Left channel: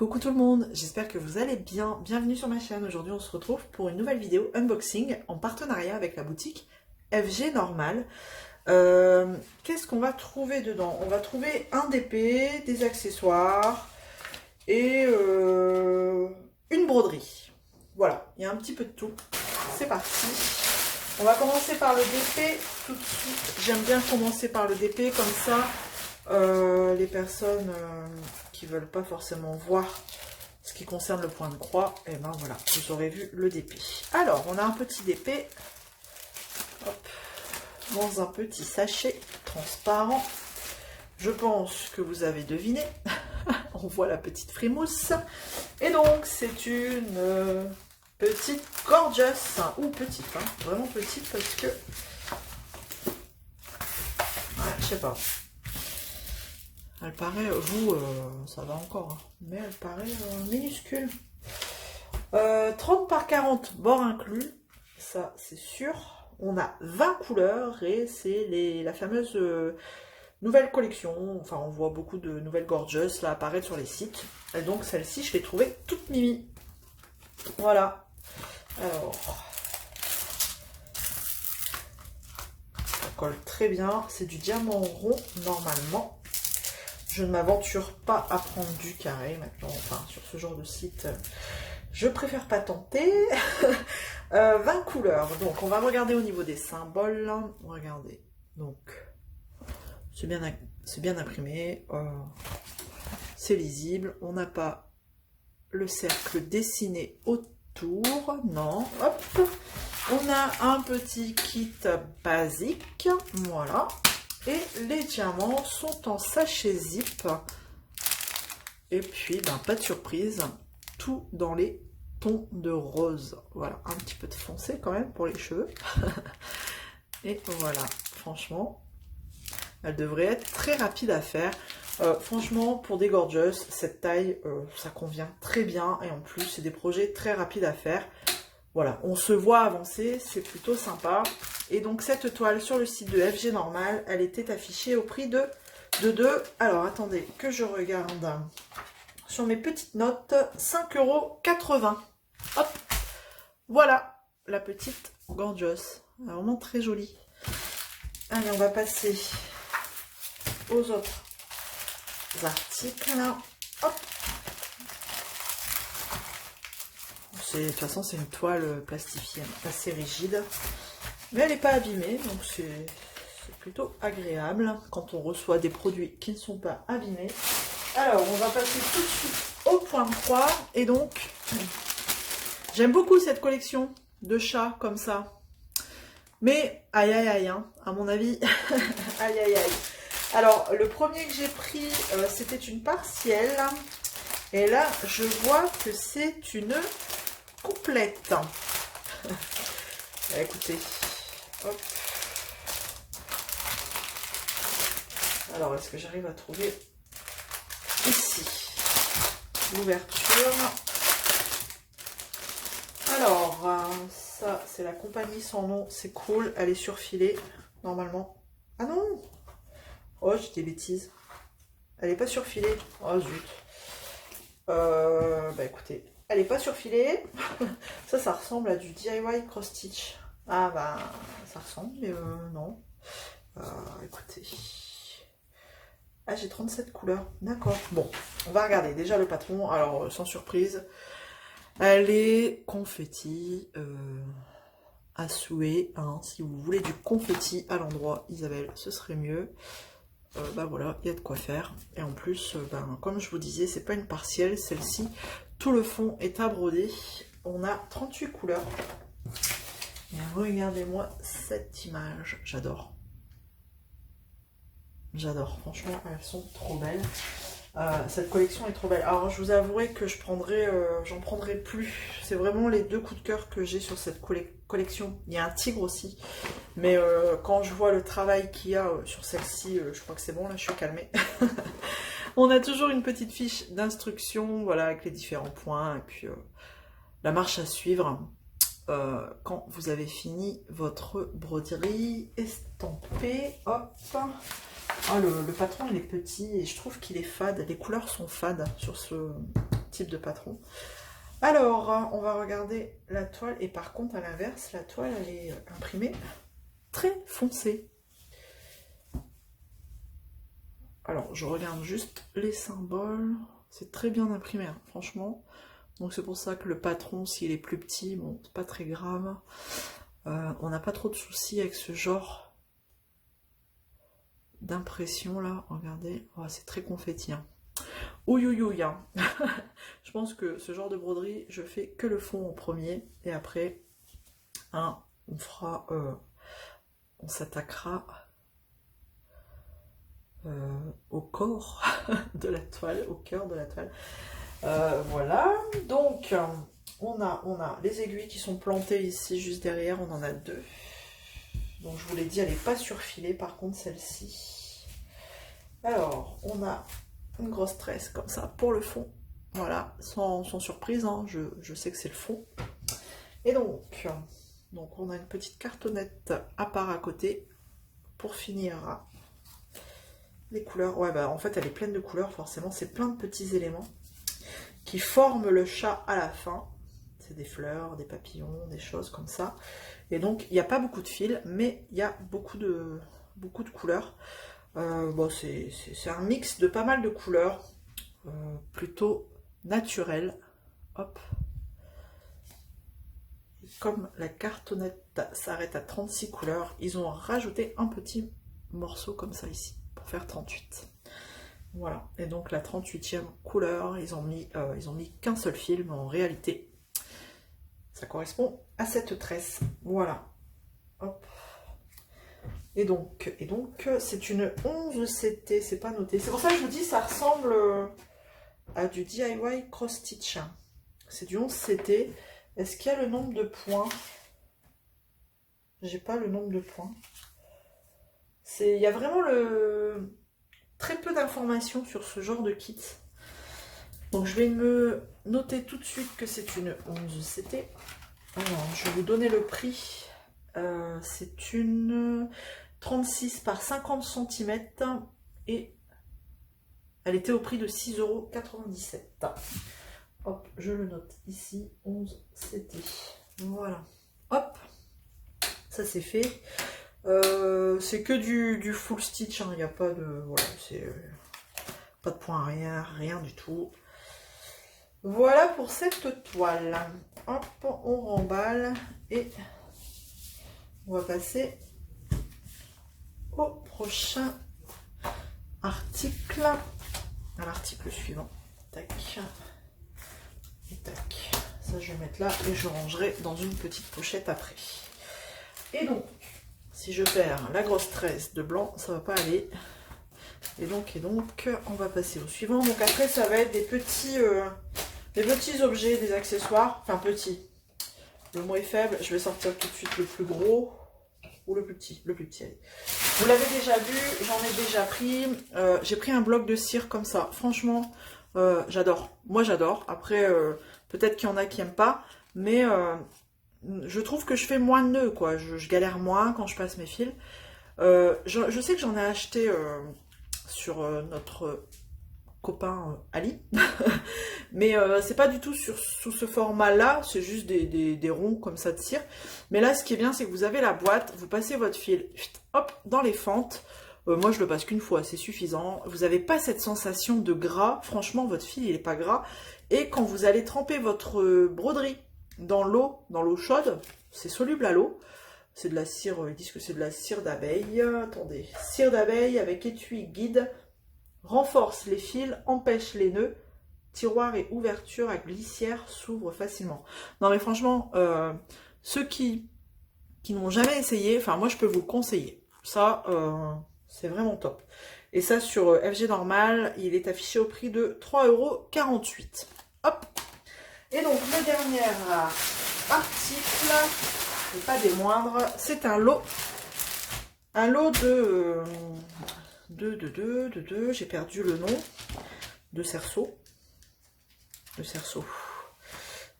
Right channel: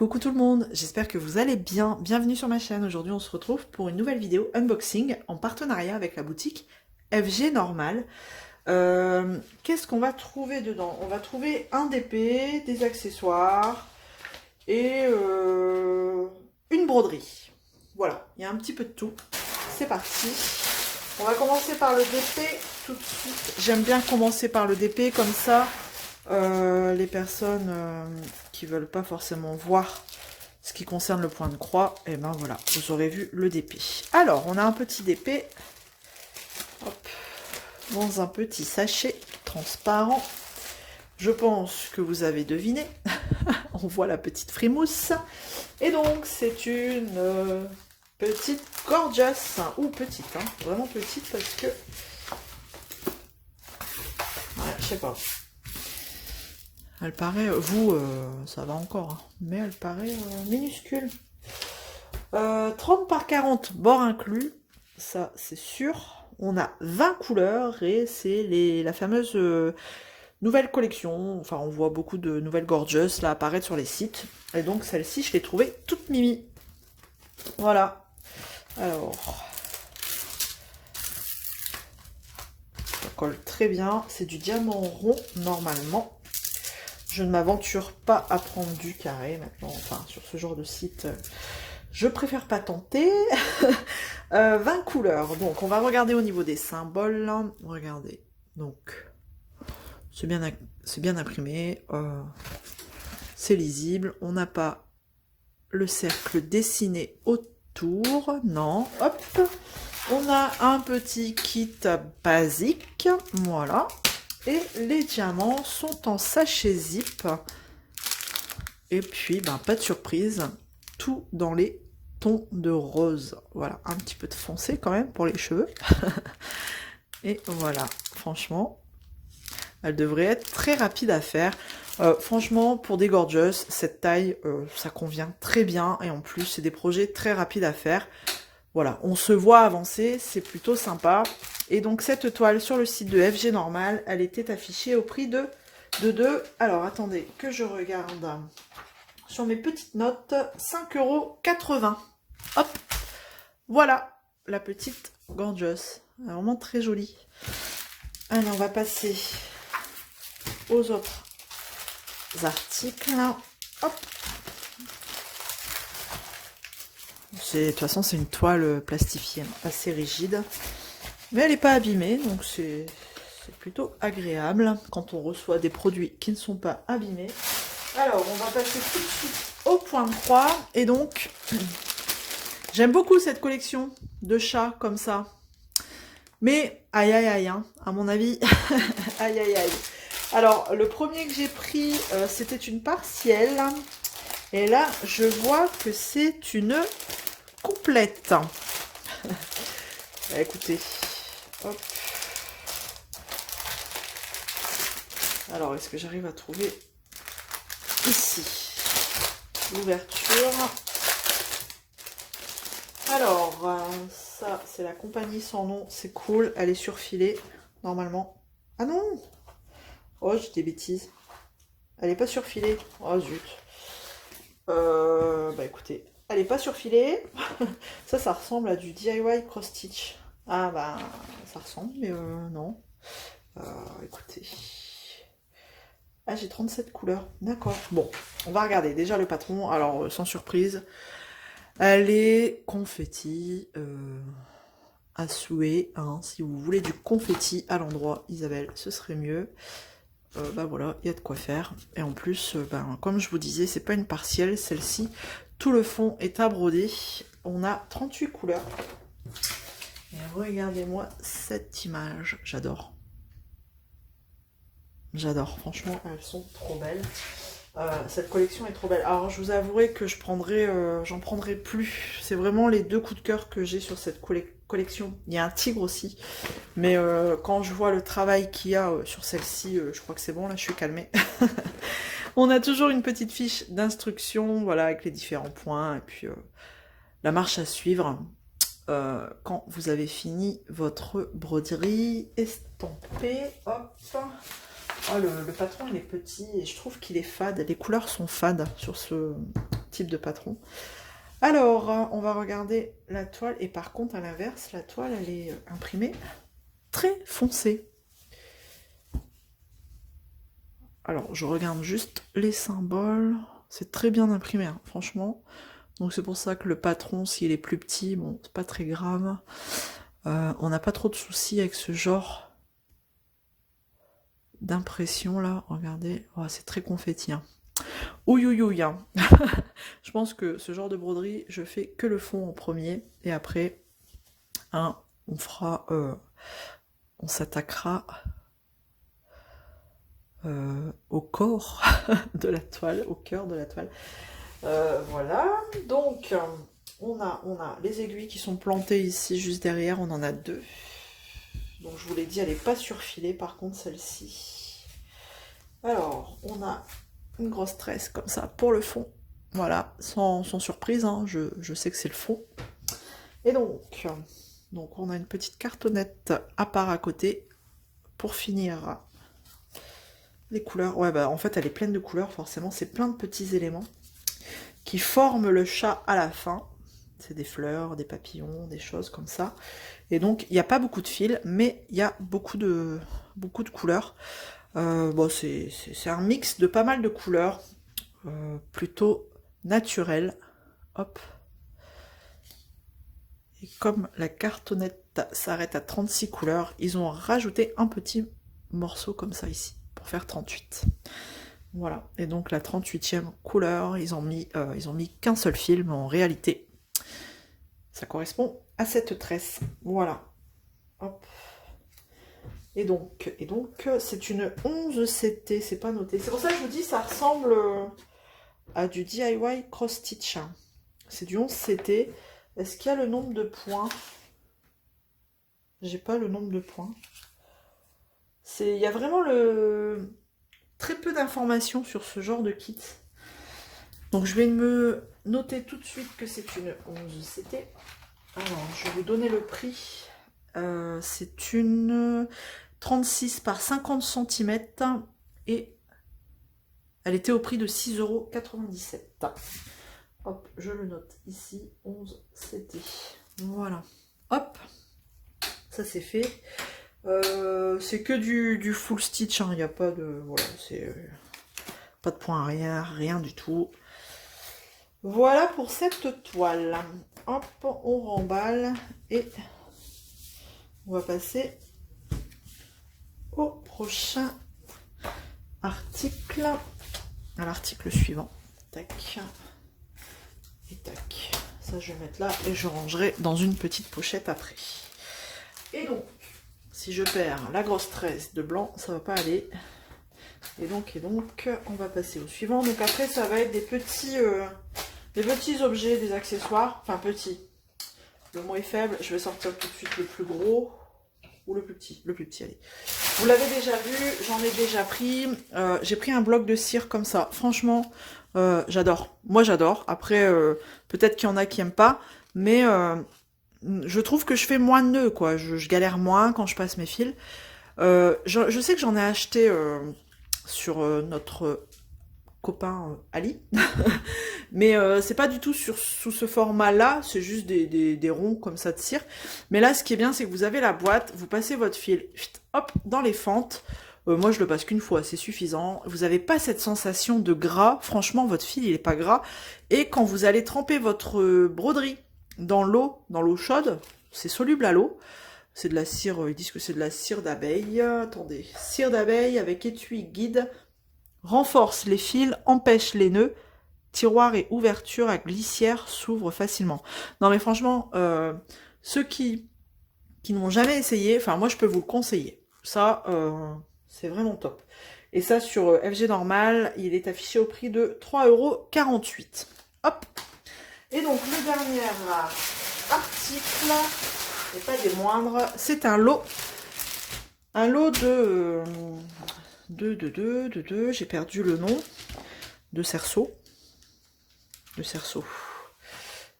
Coucou tout le monde, j'espère que vous allez bien. Bienvenue sur ma chaîne. Aujourd'hui, on se retrouve pour une nouvelle vidéo unboxing en partenariat avec la boutique FG Normal. Qu'est-ce qu'on va trouver dedans? On va trouver un DP, des accessoires et une broderie. Voilà, il y a un petit peu de tout. C'est parti. On va commencer par le DP tout de suite. J'aime bien commencer par le DP comme ça. Les personnes qui veulent pas forcément voir ce qui concerne le point de croix, et ben voilà, vous aurez vu le DP. Alors, on a un petit DP hop, dans un petit sachet transparent. Je pense que vous avez deviné. On voit la petite frimousse. Et donc, c'est une petite gorgeous, ou petite, hein, vraiment petite parce que... Ouais, je sais pas. Elle paraît, vous, ça va encore, hein, mais elle paraît minuscule. 30 par 40, bord inclus, ça c'est sûr. On a 20 couleurs et c'est la fameuse nouvelle collection. Enfin, on voit beaucoup de nouvelles gorgeous là apparaître sur les sites. Et donc celle-ci, je l'ai trouvée toute mimi. Voilà. Alors, ça colle très bien. C'est du diamant rond normalement. Je ne m'aventure pas à prendre du carré maintenant, enfin sur ce genre de site, je préfère pas tenter. 20 couleurs, donc on va regarder au niveau des symboles. Regardez, donc c'est bien imprimé, c'est lisible, on n'a pas le cercle dessiné autour, non, hop, on a un petit kit basique, voilà. Et les diamants sont en sachet zip. Et puis, ben, pas de surprise, tout dans les tons de rose. Voilà, un petit peu de foncé quand même pour les cheveux. Et voilà, franchement, elle devrait être très rapide à faire. Franchement, pour des gorgeous, cette taille, ça convient très bien. Et en plus, c'est des projets très rapides à faire. Voilà, on se voit avancer, c'est plutôt sympa. Et donc cette toile sur le site de FG Normal, elle était affichée au prix de 2. Alors attendez que je regarde sur mes petites notes, 5,80 €. Hop, voilà la petite gorgeous, vraiment très jolie. Allez, on va passer aux autres articles. Hop. De toute façon, c'est une toile plastifiée assez rigide. Mais elle n'est pas abîmée, donc c'est plutôt agréable quand on reçoit des produits qui ne sont pas abîmés. Alors, on va passer tout de suite au point de croix. Et donc, j'aime beaucoup cette collection de chats comme ça. Mais, aïe aïe aïe, hein, à mon avis, aïe aïe aïe. Alors, le premier que j'ai pris, c'était une partielle. Et là, je vois que c'est une complète. Écoutez. Hop. Alors, est-ce que j'arrive à trouver ici l'ouverture? Alors, ça, c'est la compagnie sans nom. C'est cool. Elle est surfilée, normalement. Ah non! Oh, j'ai des bêtises. Elle n'est pas surfilée. Oh, zut. Bah, écoutez, elle n'est pas surfilée. Ça ressemble à du DIY cross-stitch. Ah bah ça ressemble, mais non. Écoutez. Ah, j'ai 37 couleurs. D'accord. Bon, on va regarder déjà le patron. Alors, sans surprise, elle est confetti à souhait. Hein. Si vous voulez du confetti à l'endroit, Isabelle, ce serait mieux. Bah voilà, il y a de quoi faire. Et en plus, ben, comme je vous disais, c'est pas une partielle, celle-ci. Tout le fond est à broder. On a 38 couleurs. Et regardez-moi cette image, j'adore. J'adore, franchement, elles sont trop belles. Cette collection est trop belle. Alors, je vous avouerai que j'en prendrai plus. C'est vraiment les 2 coups de cœur que j'ai sur cette collection. Il y a un tigre aussi. Mais quand je vois le travail qu'il y a sur celle-ci, je crois que c'est bon, là, je suis calmée. On a toujours une petite fiche d'instruction, voilà, avec les différents points. Et puis, la marche à suivre. Quand vous avez fini votre broderie estampée, hop. Oh, le patron il est petit et je trouve qu'il est fade, les couleurs sont fades sur ce type de patron. Alors, on va regarder la toile. Et par contre, à l'inverse, la toile, elle est imprimée très foncée. Alors, je regarde juste les symboles. C'est très bien imprimé, hein, franchement. Donc, c'est pour ça que le patron, s'il est plus petit, bon, c'est pas très grave. On n'a pas trop de soucis avec ce genre d'impression, là. Regardez, oh, c'est très confetti, hein. Ouïouïouï, hein. Je pense que ce genre de broderie, je fais que le fond en premier. Et après, hein, on fera... on s'attaquera... au corps de la toile, au cœur de la toile. Voilà, donc on a les aiguilles qui sont plantées ici juste derrière, on en a 2. Donc je vous l'ai dit, elle n'est pas surfilée, par contre celle-ci. Alors, on a une grosse tresse comme ça pour le fond. Voilà, sans surprise, hein, je sais que c'est le fond. Et donc on a une petite cartonnette à part à côté pour finir. Les couleurs, ouais, bah en fait elle est pleine de couleurs, forcément, c'est plein de petits éléments qui forment le chat à la fin. C'est des fleurs, des papillons, des choses comme ça. Et donc il n'y a pas beaucoup de fils, mais il y a beaucoup de couleurs. Bon, c'est un mix de pas mal de couleurs, plutôt naturelles. Hop. Et comme la cartonnette s'arrête à 36 couleurs, ils ont rajouté un petit morceau comme ça ici. Pour faire 38. Voilà, et donc la 38e couleur, ils ont mis qu'un seul fil, mais en réalité, ça correspond à cette tresse. Voilà. Hop. Et donc c'est une 11 CT, c'est pas noté. C'est pour ça que je vous dis, ça ressemble à du DIY cross stitch. C'est du 11 CT. Est-ce qu'il y a le nombre de points? J'ai pas le nombre de points. Il y a vraiment très peu d'informations sur ce genre de kit. Donc je vais me noter tout de suite que c'est une 11 CT. Alors, je vais vous donner le prix. C'est une 36 par 50 cm et elle était au prix de 6,97 €. Hop, je le note ici, 11 CT. Voilà. Hop, ça c'est fait. C'est que du full stitch, il n'y a pas de... Voilà, c'est pas de point arrière, rien du tout. Voilà pour cette toile. Hop, on remballe et on va passer au prochain article. À l'article suivant. Tac. Et tac. Ça, je vais mettre là et je rangerai dans une petite pochette après. Et donc, si je perds la grosse tresse de blanc, ça va pas aller. Et donc, on va passer au suivant. Donc après, ça va être des petits objets, des accessoires. Enfin, petits. Le mot est faible. Je vais sortir tout de suite le plus gros ou le plus petit. Le plus petit, allez. Vous l'avez déjà vu, j'en ai déjà pris. J'ai pris un bloc de cire comme ça. Franchement, j'adore. Moi, j'adore. Après, peut-être qu'il y en a qui n'aiment pas. Mais... je trouve que je fais moins de nœuds, quoi. Je galère moins quand je passe mes fils. Je sais que j'en ai acheté sur notre copain Ali. Mais c'est pas du tout sous ce format-là. C'est juste des ronds comme ça de cire. Mais là, ce qui est bien, c'est que vous avez la boîte. Vous passez votre fil, hop, dans les fentes. Moi, je le passe qu'une fois, c'est suffisant. Vous n'avez pas cette sensation de gras. Franchement, votre fil, il n'est pas gras. Et quand vous allez tremper votre broderie dans l'eau chaude, c'est soluble à l'eau. C'est de la cire, ils disent que c'est de la cire d'abeille. Attendez, cire d'abeille avec étui guide, renforce les fils, empêche les nœuds, tiroir et ouverture à glissière s'ouvrent facilement. Non mais franchement, ceux qui n'ont jamais essayé, enfin moi je peux vous le conseiller. Ça, c'est vraiment top. Et ça sur FG Normal, il est affiché au prix de 3,48 €. Hop. Et donc le dernier article, et pas des moindres, c'est un lot de j'ai perdu le nom, de cerceau,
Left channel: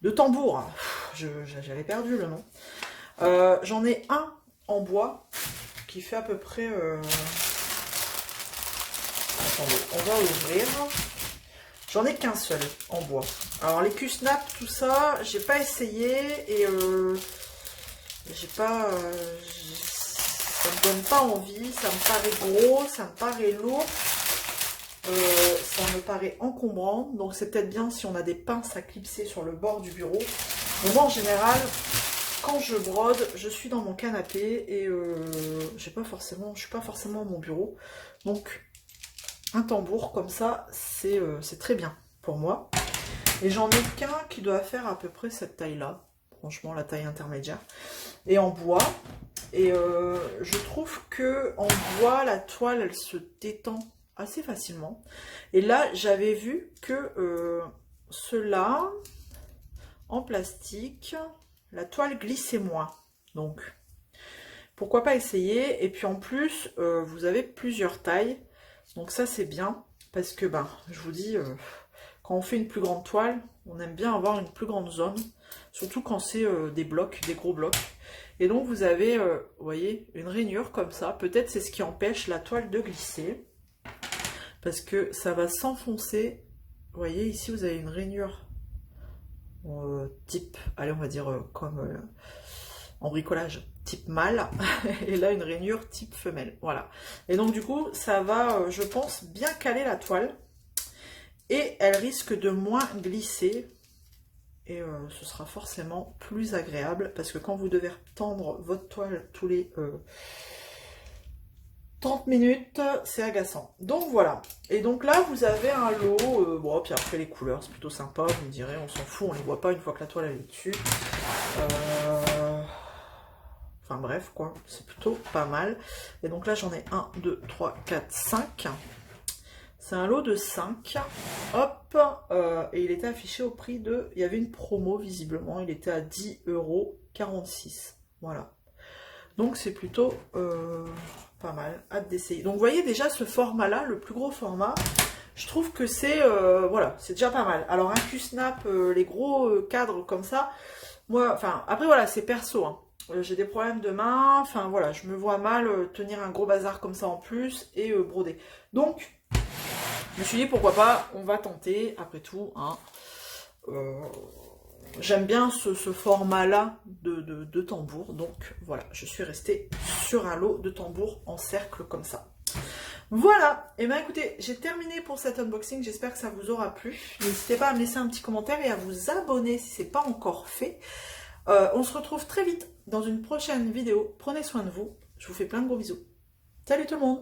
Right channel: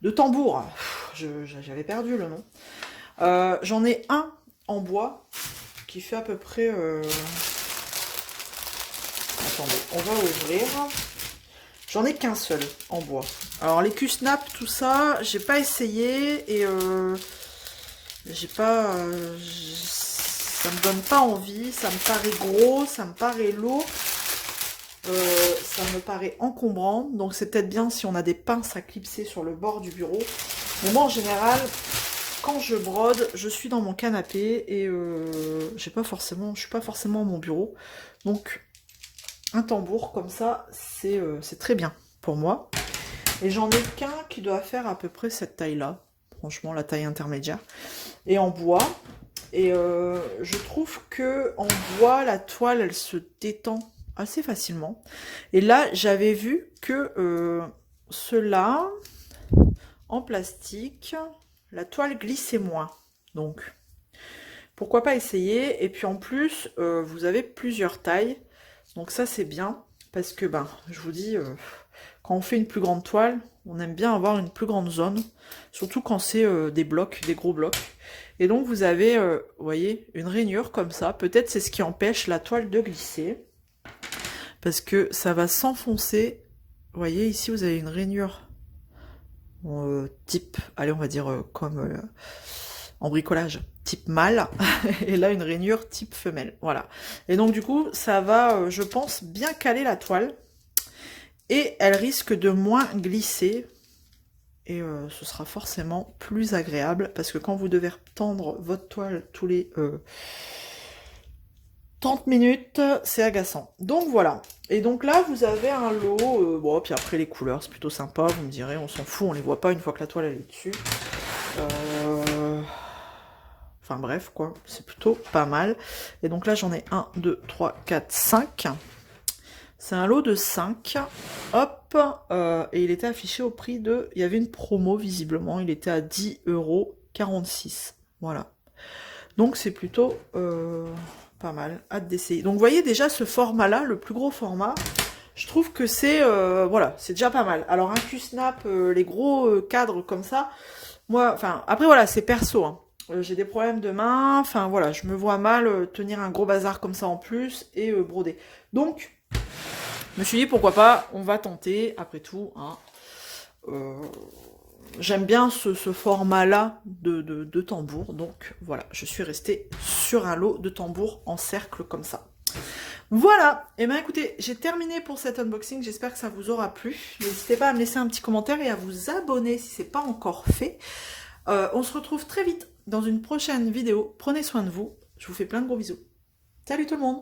de tambour, j'avais perdu le nom. J'en ai un en bois qui fait à peu près, attendez, on va ouvrir. J'en ai qu'un seul en bois. Alors les Q-Snap, tout ça, j'ai pas essayé et j'ai pas... ça me donne pas envie, ça me paraît gros, ça me paraît lourd. Ça me paraît encombrant, donc c'est peut-être bien si on a des pinces à clipser sur le bord du bureau. Mais moi en général, quand je brode, je suis dans mon canapé et je suis pas forcément à mon bureau. Donc un tambour comme ça, c'est très bien pour moi. Et j'en ai qu'un qui doit faire à peu près cette taille-là. Franchement, la taille intermédiaire. Et en bois. Et je trouve que en bois, la toile, elle se détend assez facilement. Et là, j'avais vu que ceux-là, en plastique, la toile glissait moins. Donc, pourquoi pas essayer. Et puis en plus, vous avez plusieurs tailles. Donc ça, c'est bien. Parce que, ben, je vous dis, quand on fait une plus grande toile, on aime bien avoir une plus grande zone. Surtout quand c'est des blocs, des gros blocs. Et donc, vous avez, vous voyez, une rainure comme ça. Peut-être c'est ce qui empêche la toile de glisser. Parce que ça va s'enfoncer. Vous voyez, ici, vous avez une rainure type, allez, on va dire comme en bricolage, type mâle. Et là, une rainure type femelle. Voilà. Et donc, du coup, ça va, je pense, bien caler la toile. Et elle risque de moins glisser. Et ce sera forcément plus agréable. Parce que quand vous devez tendre votre toile tous les 30 minutes, c'est agaçant. Donc voilà. Et donc là, vous avez un lot. Bon, puis après les couleurs, c'est plutôt sympa. Vous me direz, on s'en fout, on les voit pas une fois que la toile elle est dessus. Enfin bref, quoi. C'est plutôt pas mal. Et donc là, j'en ai 1, 2, 3, 4, 5. C'est un lot de 5. Hop. Et il était affiché au prix de... Il y avait une promo, visiblement. Il était à 10,46 €. Voilà. Donc c'est plutôt... pas mal, hâte d'essayer. Donc vous voyez déjà ce format-là, le plus gros format, je trouve que c'est voilà, c'est déjà pas mal. Alors un Q-Snap, les gros cadres comme ça, moi, enfin, après voilà, c'est perso, hein. J'ai des problèmes de main, enfin voilà, je me vois mal tenir un gros bazar comme ça en plus et broder. Donc, je me suis dit pourquoi pas, on va tenter, après tout, hein. J'aime bien ce format-là de tambour, donc voilà, je suis restée sur un lot de tambours en cercle comme ça. Voilà, et bien écoutez, j'ai terminé pour cet unboxing, j'espère que ça vous aura plu. N'hésitez pas à me laisser un petit commentaire et à vous abonner si ce n'est pas encore fait. On se retrouve très vite dans une prochaine vidéo. Prenez soin de vous, je vous fais plein de gros bisous. Salut tout le monde!